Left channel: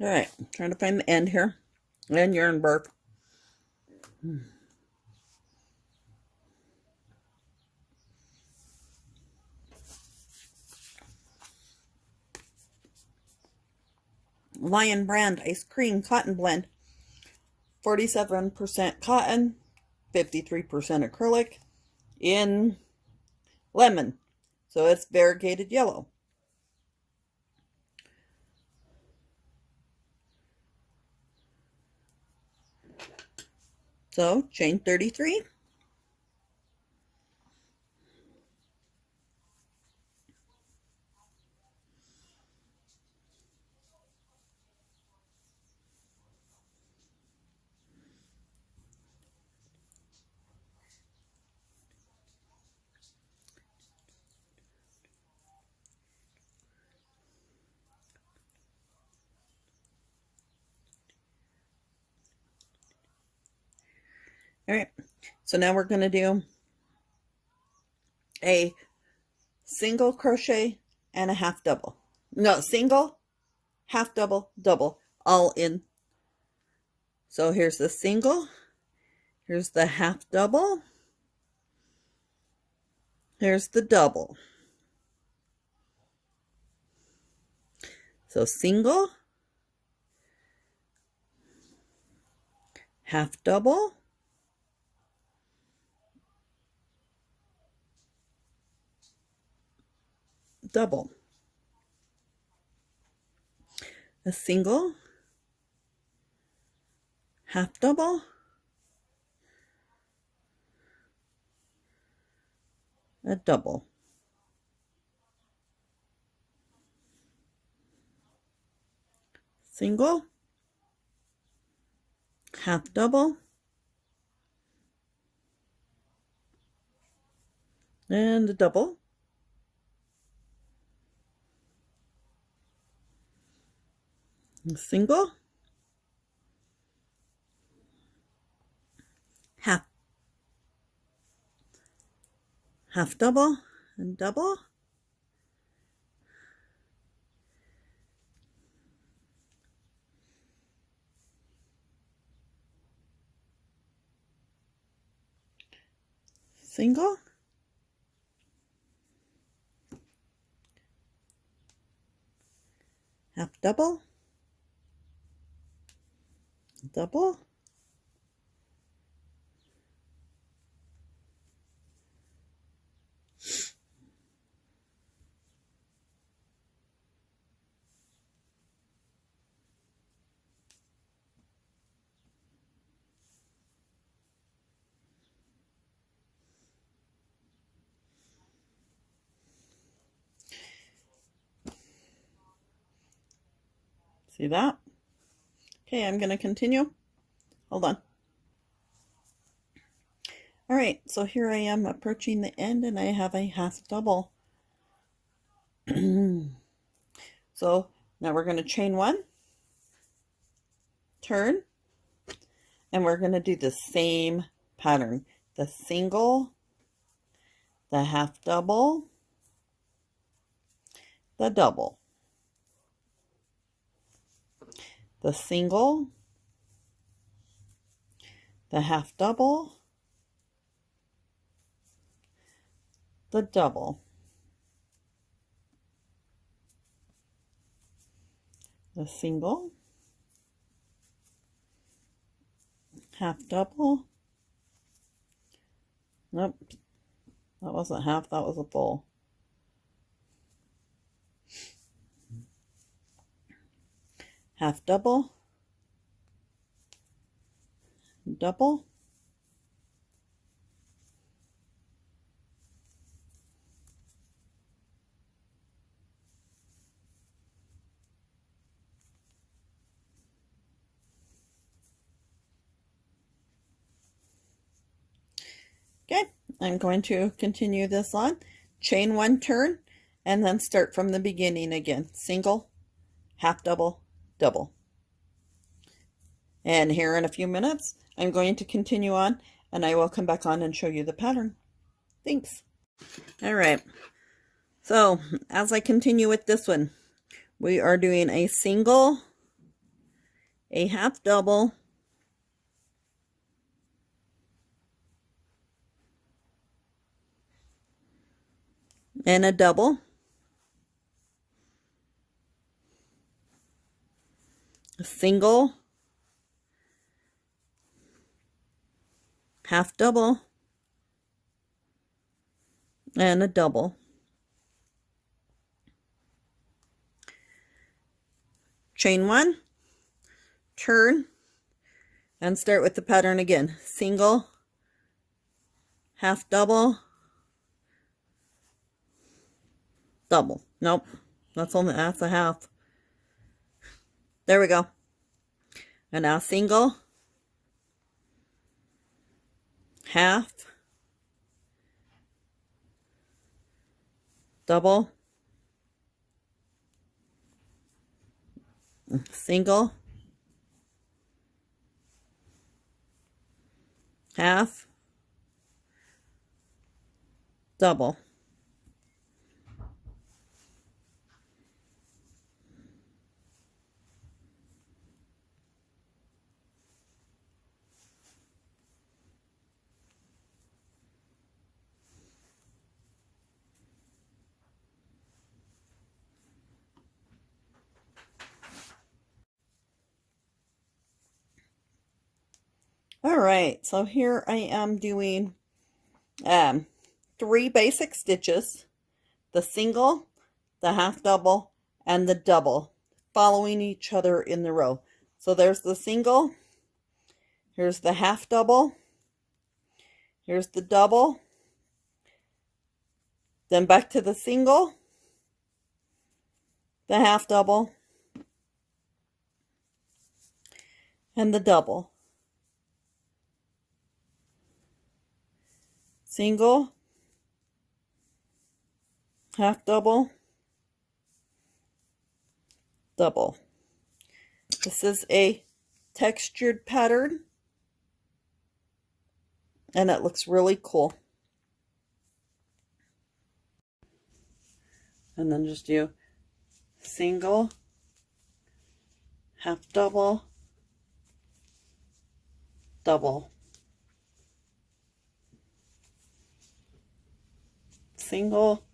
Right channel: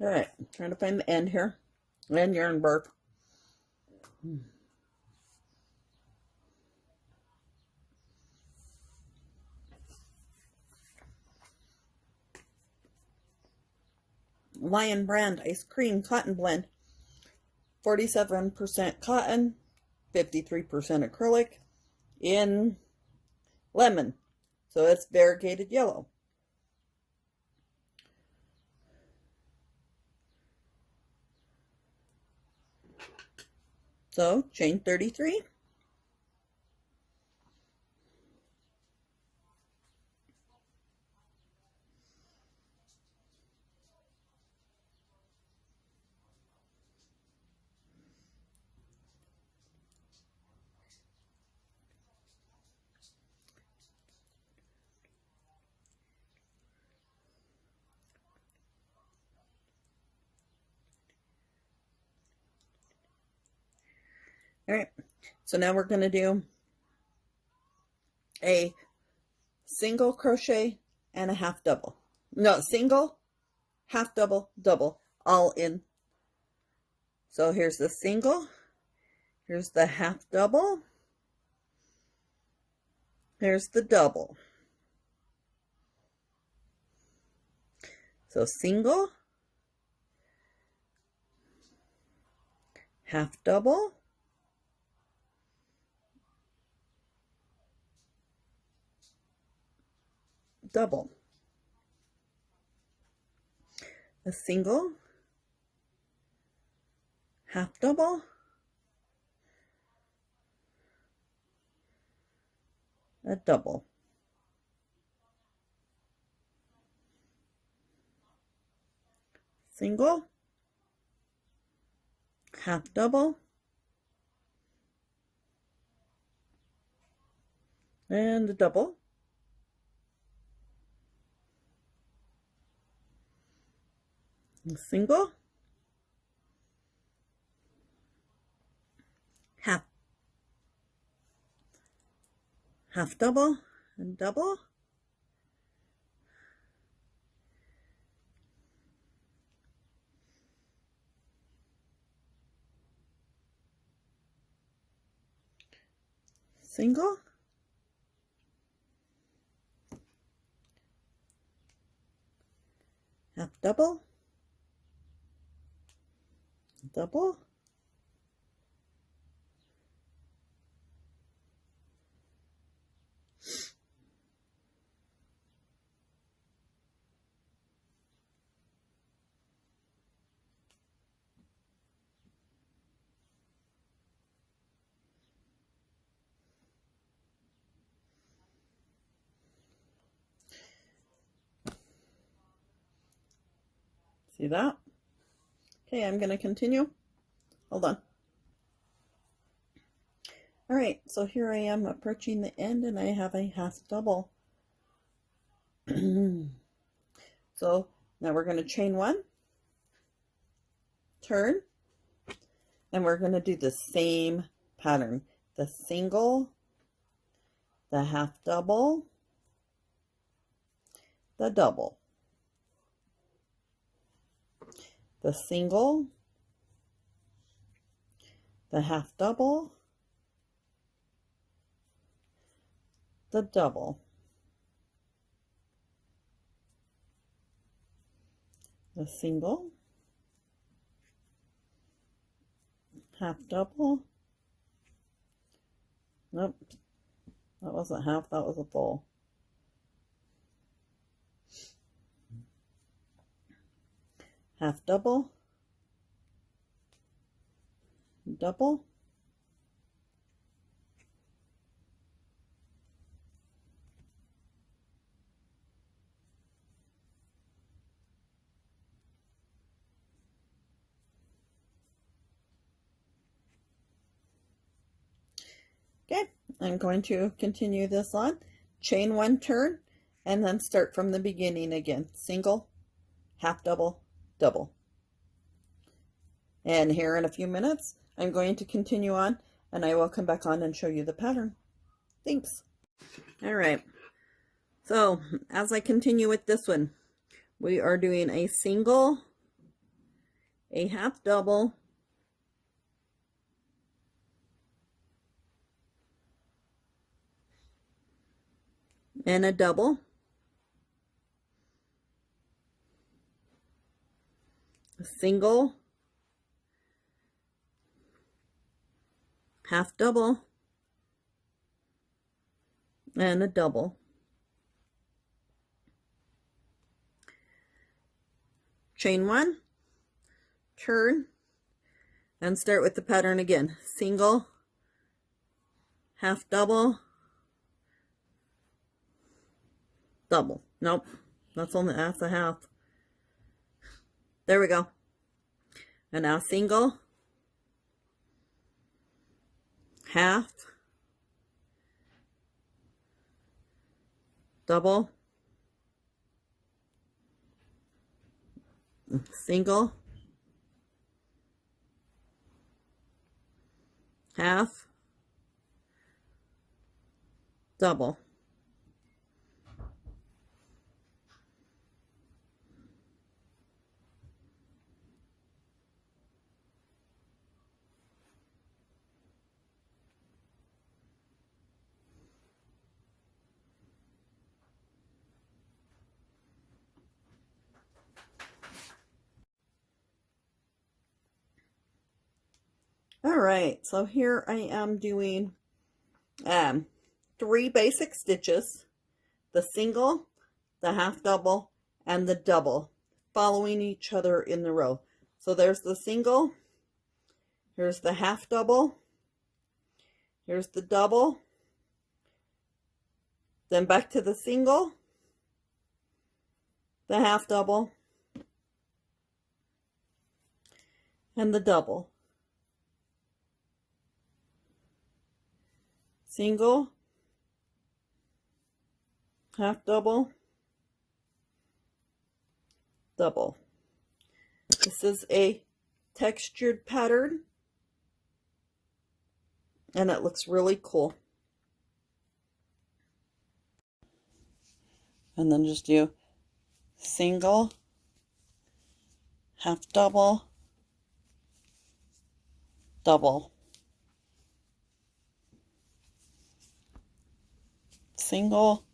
All right, trying to find the end here. And yarn bark. Lion Brand Ice Cream Cotton Blend. 47% cotton, 53% acrylic in lemon. So it's variegated yellow. So chain 33. All right, so now we're going to do a single crochet and a half double. No, single, half double, double, all in. So here's the single, here's the half double, here's the double. So single, half double, double. A single, half double, a double. Single, half double, and a double. A single, half double, and double. Single, half double, double, see that? Okay, I'm going to continue. Hold on. All right, so here I am approaching the end and I have a half double. So now we're going to chain one, turn, and we're going to do the same pattern. The single, the half double, the double. The single, the half double, the double. The single, half double. Nope, that wasn't half, that was a full. Half double, double, okay, I'm going to continue this on, chain one, turn, and then start from the beginning again. Single, half double, double. And here in a few minutes, I'm going to continue on and I will come back on and show you the pattern. Thanks. All right. So as I continue with this one, we are doing a single, a half double, and a double, a single, half double, and a double. Chain one, turn, and start with the pattern again. Single, half double, double. Nope, that's a half. There we go. And now single, half, double, single, half, double. All right, so here I am doing 3 basic stitches, the single, the half double, and the double, following each other in the row. So there's the single, here's the half double, here's the double, then back to the single, the half double, and the double. Single, half double, double. This is a textured pattern, and it looks really cool. And then just do single, half double, double, single,